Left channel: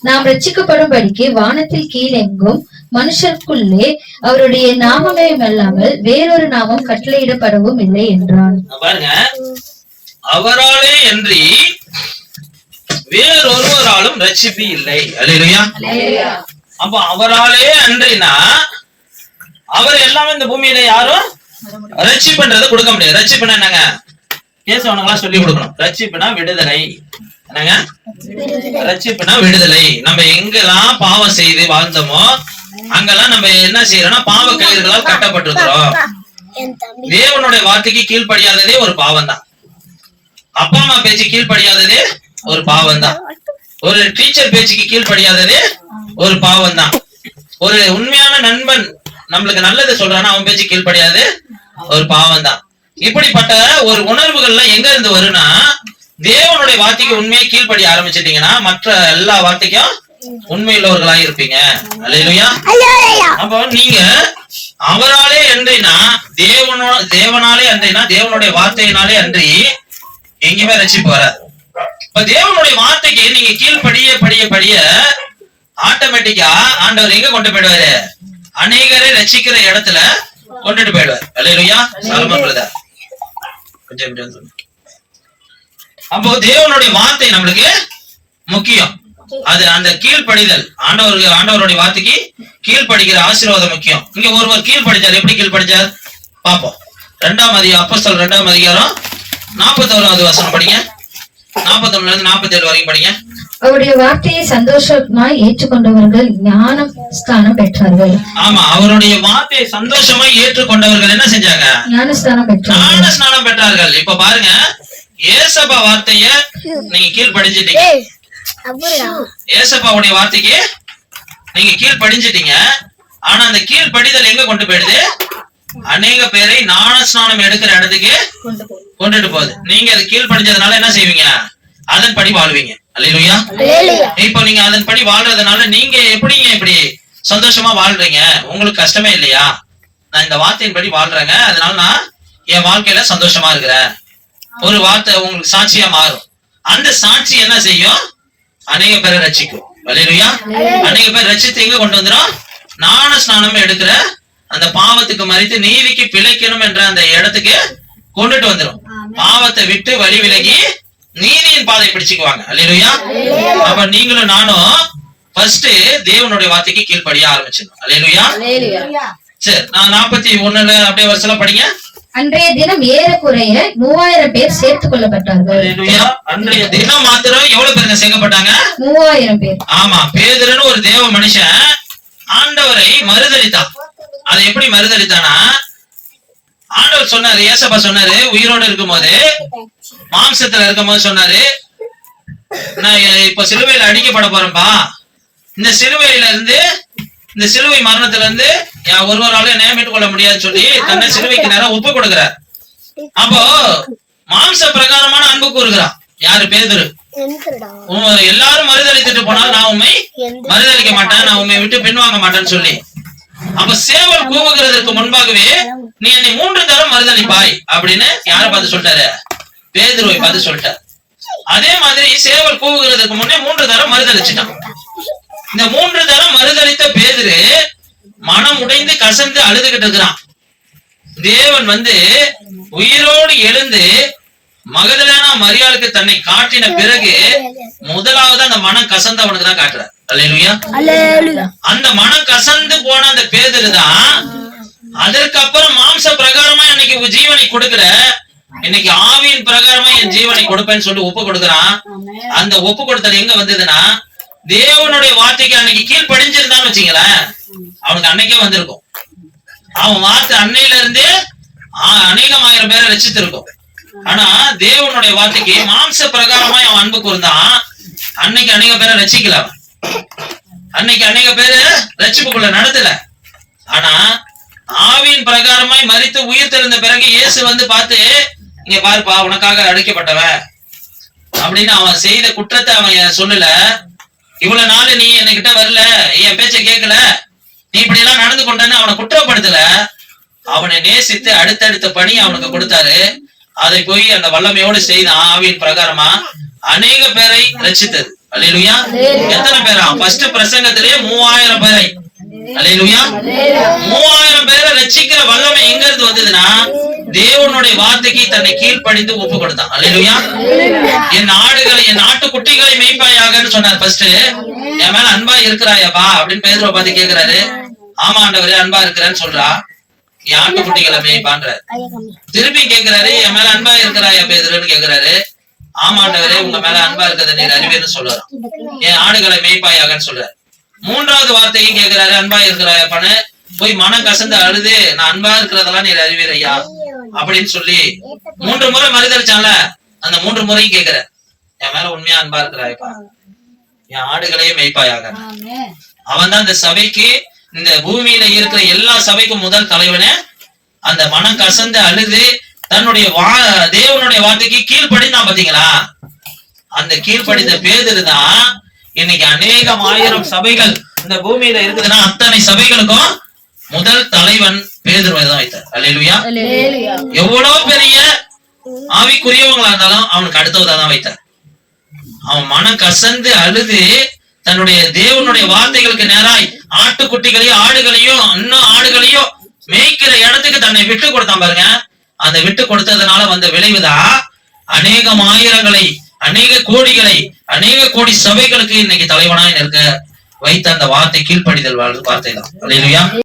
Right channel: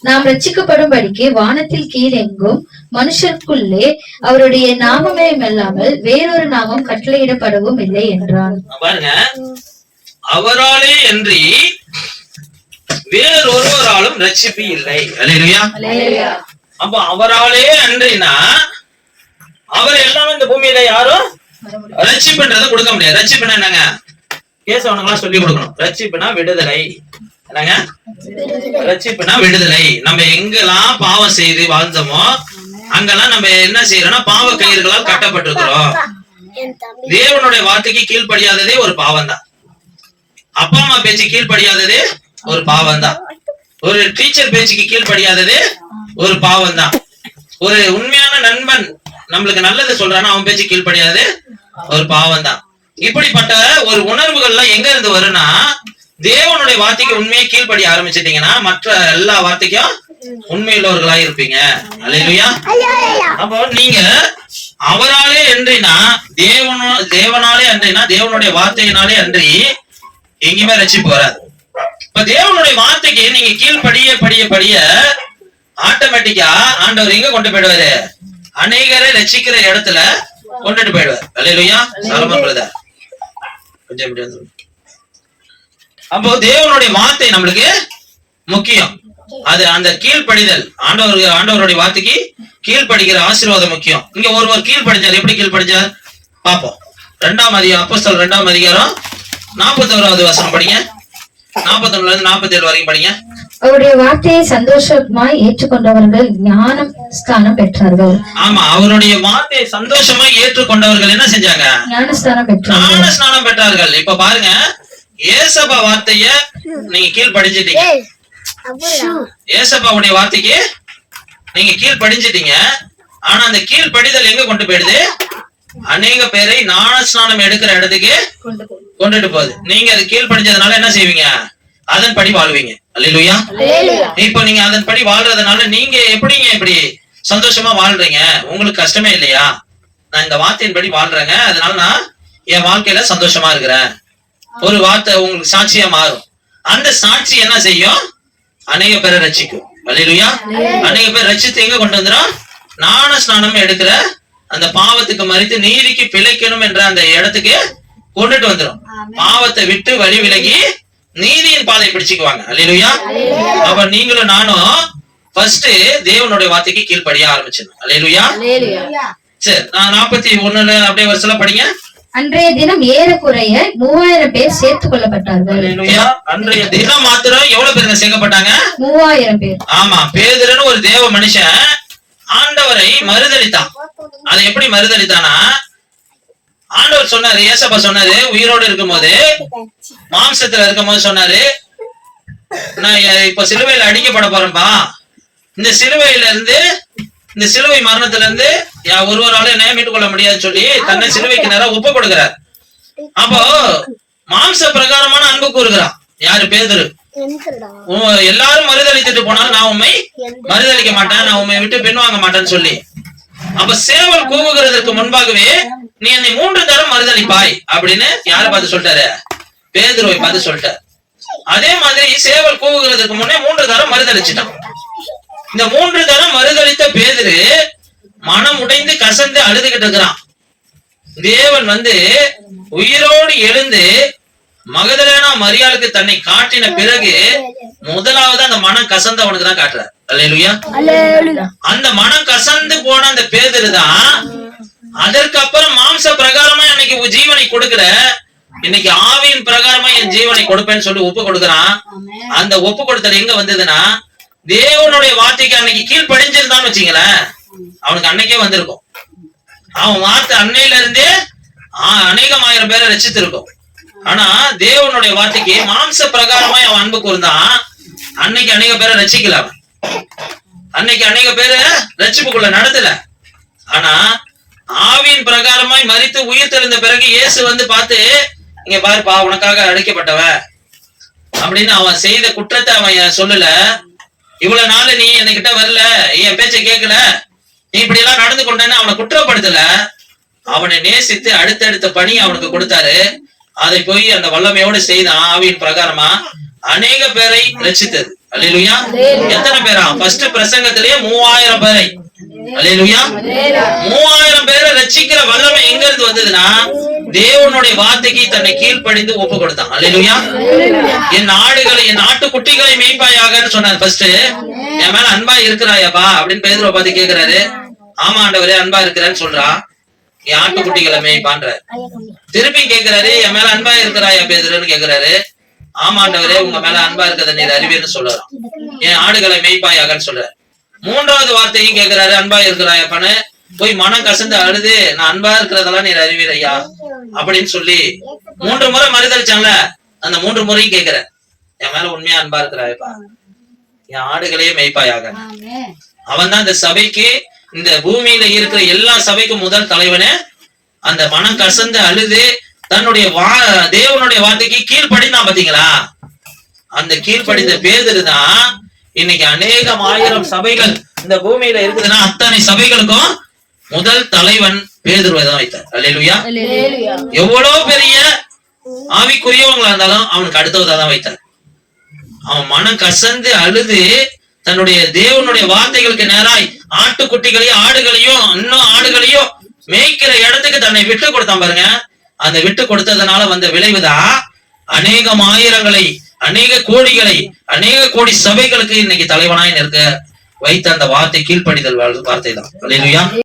நாம் ரட்சிக்கப்படும்படிக்கு வானத்தில் கீழெங்கும் மனுஷருக்குள்ளே அவருடைய நாமமே அல்லாமல் வேறொரு நாமம் கட்டளையிடப்படவும் இல்லை என்றான் பாருங்க. அவராலே அன்றி வேறொருவராலும் ரட்சிப்பு இல்லை அப்ப அவராலே அன்றினா அவர் எல்லாமே இந்த பூமியில யாரும் ரட்சிப்புன்றதை கொடுக்க முடியாது. ரட்சிப்புனா என்னங்க? கேசவனங்களாம் சொல்லி கொடுக்கணும். ரட்சிப்புனா விடுதலை. என்னங்க? ரட்சிப்புனா விடுதலை. நம்ம எங்கெல்லாம் பாவம் செய்து வாழ்ந்தோமோ அங்கெல்லாம் நம்ம என்ன செய்யறோம்னா பாவ கயிறுகளால் கட்டப்பட்டிருக்கிறோம். தேவனுடைய வார்த்தைக்கு கீழ்ப்படியாததே ஒரு பாவம் தான் அப்பா அம்மா பேச்சு கீழ்ப்படியாததே ஒரு பாவம் தான் ஒரு டீச்சர் பேச்சுக்கு கீழ்ப்படியாததே ஒரு பாவம் தான் ஒரு உண்மையான நண்பன் நம்மளுக்கு நல்லது சொல்றானா அவன் பேச்சு கீழ்ப்படியாது ஒரு பாவம் தான் இப்படிப்பட்ட ஒரு உணர்வுகள்லாம் எங்க இருந்து வரும்னா தேவனுடைய வார்த்தைக்கு உண்மையை கீழ்ப்படிய ஆரம்பிச்சிட்டீங்கன்னா மற்ற எல்லா வார்த்தைக்கும் உண்மையுள்ளவர்களா இருப்பீங்க. அல்லேலூயா. அப்போ நீங்க அவராலே அன்றினா தேவனோ தேவனாலே அன்றினா தேவனுடைய வார்த்தையினாலே அன்றி எங்கேயுமே ரட்சிப்பு வராது. இப்ப தேவனுடைய வார்த்தைக்கு நீங்க கீழ்ப்படிய படிய படிய ஆட்டோமேட்டிக்கா ஆண்டவர் எங்க கொண்டு போயிடுவாரு? அநேகரை ரட்சிக்கிற இடத்துல கொண்டுட்டு போயிடுவார். அல்லேலூயா. சலமா பிரதர். கொஞ்சம் வந்து அப்போ தேவனுடைய வார்த்தை நம்மளுக்கு முக்கியம். அது அந்த கீழ்ப்படிதல். ஆண்டவர் ஆண்டவருடைய வார்த்தைக்கு கீழ்ப்படிக்கிற ஆசீர்வாதம் முக்கியம். இங்க ஒருவர் கீழ்ப்படிச்சார். எப்படி கீழ்ப்படிச்சார்? பாப்போம் ரெண்டாம் அதிகாரம் அப்போஸ்தலர் ரெண்டாம் அதிகாரம் நாற்பத்தோராவது வசனம் படிங்க. நாற்பத்தொன்னுல இருந்து நாற்பத்தி ஏழு வரைக்கும் படிங்க. அவருடைய வார்த்தையை சந்தோஷமாய் ஏற்றுக்கொண்டவர்கள் ஞானம் ஸ்தானம் பெற்றார்கள். ஆமா அவருடைய வார்த்தையை சந்தோஷமா ஏற்றுக்கொண்டவர்கள் என்ன செஞ்சாங்க? ஞானஸ்தானம் பெற்றார்கள். ஞான ஸ்நானம் பெற்றார்கள். இப்ப பாருங்க ஏசப்பா வார்த்தைய நீங்க கீழ்ப்படிஞ்சிட்டீங்க. ஏசப்பாவுடைய வார்த்தைக்கு நீங்க கீழ்ப்படிஞ்சிட்டீங்க. ஆனா அந்த கீழ்ப்படிதல் எங்க கொண்டு போயிடுது? அநேக பேரை ஞான ஸ்நானம் எடுக்கிற இடத்துக்கு கொண்டுட்டு போகுது. நீங்க அது கீழ்ப்படிஞ்சதுனால என்ன செய்வீங்க? அதன்படி வாழ்வீங்க. அல்லேலூயா. இப்போ நீங்க அதன்படி வாழ்றதுனால நீங்க எப்படிங்க இப்படி சந்தோஷமா வாழ்றீங்க? உங்களுக்கு கஷ்டமே இல்லையா? நான் இந்த வார்த்தையின்படி வாழ்றேங்க. அதனால நான் என் வாழ்க்கையில சந்தோஷமா இருக்கிறேன். ஒரு வார்த்தை உங்களுக்கு சாட்சியா மாறும். அந்த சாட்சி என்ன செய்யும்? அநேக பேரை ரட்சிக்கும். அல்லேலூயா. அநேக பேர் ரட்சித்து எங்க கொண்டு வந்துடும்? ஞான ஸ்நானம் எடுக்கிற அந்த பாவத்துக்கு மறித்து நீதிக்கு பிழைக்கணும் என்ற அந்த இடத்துக்கு கொண்டுட்டு வந்துரும். பாவத்தை விட்டு வழி விலகி நீதியின் பாதை பிடிச்சுக்குவாங்க. அல்லேலூயா. அப்ப நீங்களும் நானும் ஃபர்ஸ்ட் தேவனுடைய வார்த்தைக்கு கீழ்ப்படிய ஆரம்பிச்சிடணும். அல்லேலூயா. சரி நான் நாற்பத்தி ஒண்ணுல அப்படியே வருஷம் படிங்க. அன்றைய தினம் ஏறக்குறைய மூவாயிரம் பேர் சேர்த்துக் கொள்ளப்பட்டார்கள். அன்றைய தினம் மாத்திரம் எவ்வளவு பேருங்க சேர்க்கப்பட்டாங்க? மூவாயிரம் பேர். ஆமா பேதுருன்னு ஒரு தேவ மனுஷன் ஆண்டவரை மறுதளித்தான் அதை எப்படி மறுதளித்தானா ஆண்டவர் சொன்னாரு ஏசப்பா சொன்னாரு உயிரோடு இருக்கும்போது மாம்சத்துல இருக்கும்போது சொன்னாரு நான் இப்ப சிலுவையில அடிக்கப்பட போறேன்பா. இந்த சிலுவையில இருந்து இந்த சிலுவை மரணத்துல இருந்து ஒருவரால என்ன மீட்டுக் கொள்ள முடியாதுன்னு சொல்லி தன்னை சிலுவைக்கு நேரா ஒப்பு கொடுக்கிறார். அப்போ மாம்ச பிரகாரமான அன்பு கூறுகிறான் யாரு? பேதுரு. எல்லாரும் மறுதளித்துட்டு போனால் நான் உண்மை மறுதளிக்க மாட்டேன் நான் உண்மை விட்டு பின்வாங்க மாட்டேன்னு சொல்லி. அப்ப சேவல் கூவுகிறதற்கு முன்பாகவே நீ என்னை மூன்று தரம் மறுதளிப்பாய் அப்படின்னு யார பார்த்து சொல்லிட்டாரு? பேதுருவை பார்த்து சொல்லிட்டார். அதே மாதிரி சேவல் கூவுகிறதுக்கு முன்னே மூன்று தரம் மறுதளிச்சிட்டான் இந்த மூன்று தரம் மறுதளித்த பேதுரு மனம் உடைந்து கசந்து அழுதுகிட்டு இருக்கிறான். தேவன் வந்து உயிரோடு எழுந்து மகதலேனா மரியாளுக்கு தன்னை காட்டின பிறகு முதலாவது அந்த மனம் கசந்தவனுக்கு தான் காட்டுறார். அல்லேலூயா. அந்த மனம் கசந்து போன அந்த பேதரு தான் அதற்கு அப்புறம் மாம்ச பிரகாரமா இன்னைக்கு ஜீவனை கொடுக்கிற இன்னைக்கு ஆவியின் பிரகாரமா என் ஜீவனை கொடுப்பேன்னு சொல்லி ஒப்பு கொடுக்கறான். அந்த ஒப்பு கொடுத்தது எங்க வந்ததுன்னா தேவனுடைய வார்த்தைக்கு அன்னைக்கு கீழ்ப்படிஞ்சிருந்தான்னு வச்சுங்களேன் அவனுக்கு அன்னைக்கே வந்திருக்கும். அவன் வார்த்தை அன்னையில இருந்தே அநேகம் ஆயிரம் பேரை ரசித்திருக்கும். ஆனா தேவனுடைய வார்த்தைக்கு மாம்ச பிரகாரமா அவன் அன்பு கூர்ந்தான். அன்னைக்கு அநேக பேரை ரசிக்கல அவன். அன்னைக்கு அநேக பேரை ரசிப்புக்குள்ள நடத்தல. ஆனா ஆவியின் பிரகாரமாய் மறித்து உயிர் திறந்த பிறகு இயேசு வந்து பார்த்து இங்க பாருப்பா உனக்காக அழைக்கப்பட்டவன் அப்படின்னு அவன் செய்த குற்றத்தை அவன் சொல்லல. இவ்வளவு நாள் நீ என்கிட்ட வரல என் பேச்ச கேட்கல நீ இப்படி எல்லாம் நடந்து கொண்டன்னு அவனை குற்றப்படுத்தல. அவனை நேசித்து அடுத்தடுத்த பணி அவனுக்கு கொடுத்தாரு. அதை போய் அந்த வல்லமையோடு செய்தான் ஆவியின் பிரகாரமா அநேக பேரை ரட்சித்தது. அல்லேலூயா. எத்தனை பேரா? ஃபர்ஸ்ட் பிரசங்கத்திலேயே மூவாயிரம் பேரை. அல்லேலூயா. மூவாயிரம் பேரை ரட்சிக்கிற வல்லமை எங்க இருந்து வந்ததுன்னா தேவனுடைய வார்த்தைக்கு தன்னை கீழ்ப்படிந்து ஒப்பு கொடுத்தான் அல்லேலூயா என் ஆடுகளை என் ஆட்டுக்குட்டிகளை மேய்ப்பாயாகன்னு சொன்னார் ஃபர்ஸ்ட் என் மேல அன்பா இருக்கிறாயப்பா அப்படின்னு பேதுருவை பார்த்து கேக்குறாரு. ஆமா ஆண்டவரே அன்பா இருக்கிறேன்னு சொல்றா. என் ஆட்டுக்குட்டிகளை மேய்ப்பான்ற. திருப்பி கேக்குறாரு என் மேல அன்பா இருக்கிறாயா பேதுருன்னு கேக்குறாரு. ஆமா ஆண்டவரே உங்க மேல அன்பா இருக்கிறத நீர் அறிவீர்னு சொல்லலாம் என் ஆடுகளை மேய்ப்பாயாகன்னு சொல்றாரு. மூன்றாவது வார்த்தையும் கேக்குறாரு அன்பா இருக்கிறாயாப்பான்னு. போய் மனம் கசந்து அழுது நான் அன்பா இருக்கிறதெல்லாம் நீர் அறிவீர் ஐயா. அப்படின்னு சொல்லி மூன்று முறை மறுதளிச்சான்ல அந்த மூன்று முறையும் கேக்குற என் மேல உண்மையா அன்பா இருக்கிறாயப்பா என் ஆடுகளையே மேய்ப்பாயாக. அவன் தான் இந்த சபைக்கு இந்த பூமியில இருக்கிற எல்லா சபைக்கும் முதல் தலைவனே. அந்த மனம் கசந்து அழுது தன்னுடைய வா தேவனுடைய வார்த்தைக்கு கீழ்ப்படிந்தான் பாத்தீங்களா? அந்த கீழ்ப்படிந்த பேதரு தான் இன்னைக்கு அநேகம் ஆயிரம் சபைகள் இந்த பூமியில இருக்குதுன்னா அத்தனை சபைகளுக்கும் முதல் தலைவன் பேதுருவை தான் வைத்தார் அல்லேலூயா. எவ்வளவு பெரிய ஆவிக்குரியவங்களா இருந்தாலும் அவனுக்கு அடுத்தவதா தான் வைத்தார் அவன் மனம் கசந்து அழுது தன்னுடைய தேவனுடைய வார்த்தைகளுக்கு நேராய் ஆட்டுக்குட்டிகளையும் ஆடுகளையும் இன்னும் ஆடுகளையும் மேய்க்கிற இடத்துக்கு தன்னை விட்டு கொடுத்தான் பாருங்க. அந்த விட்டு கொடுத்ததுனால வந்த விளைவுதான் அநேகம் ஆயிரங்களை அநேக கோடிகளை அநேக கோடி சபைகளுக்கு இன்னைக்கு தலைவனாய் நிற்க வைத்த அந்த வார்த்தை கீழ்ப்படிதல் வார்த்தை தான்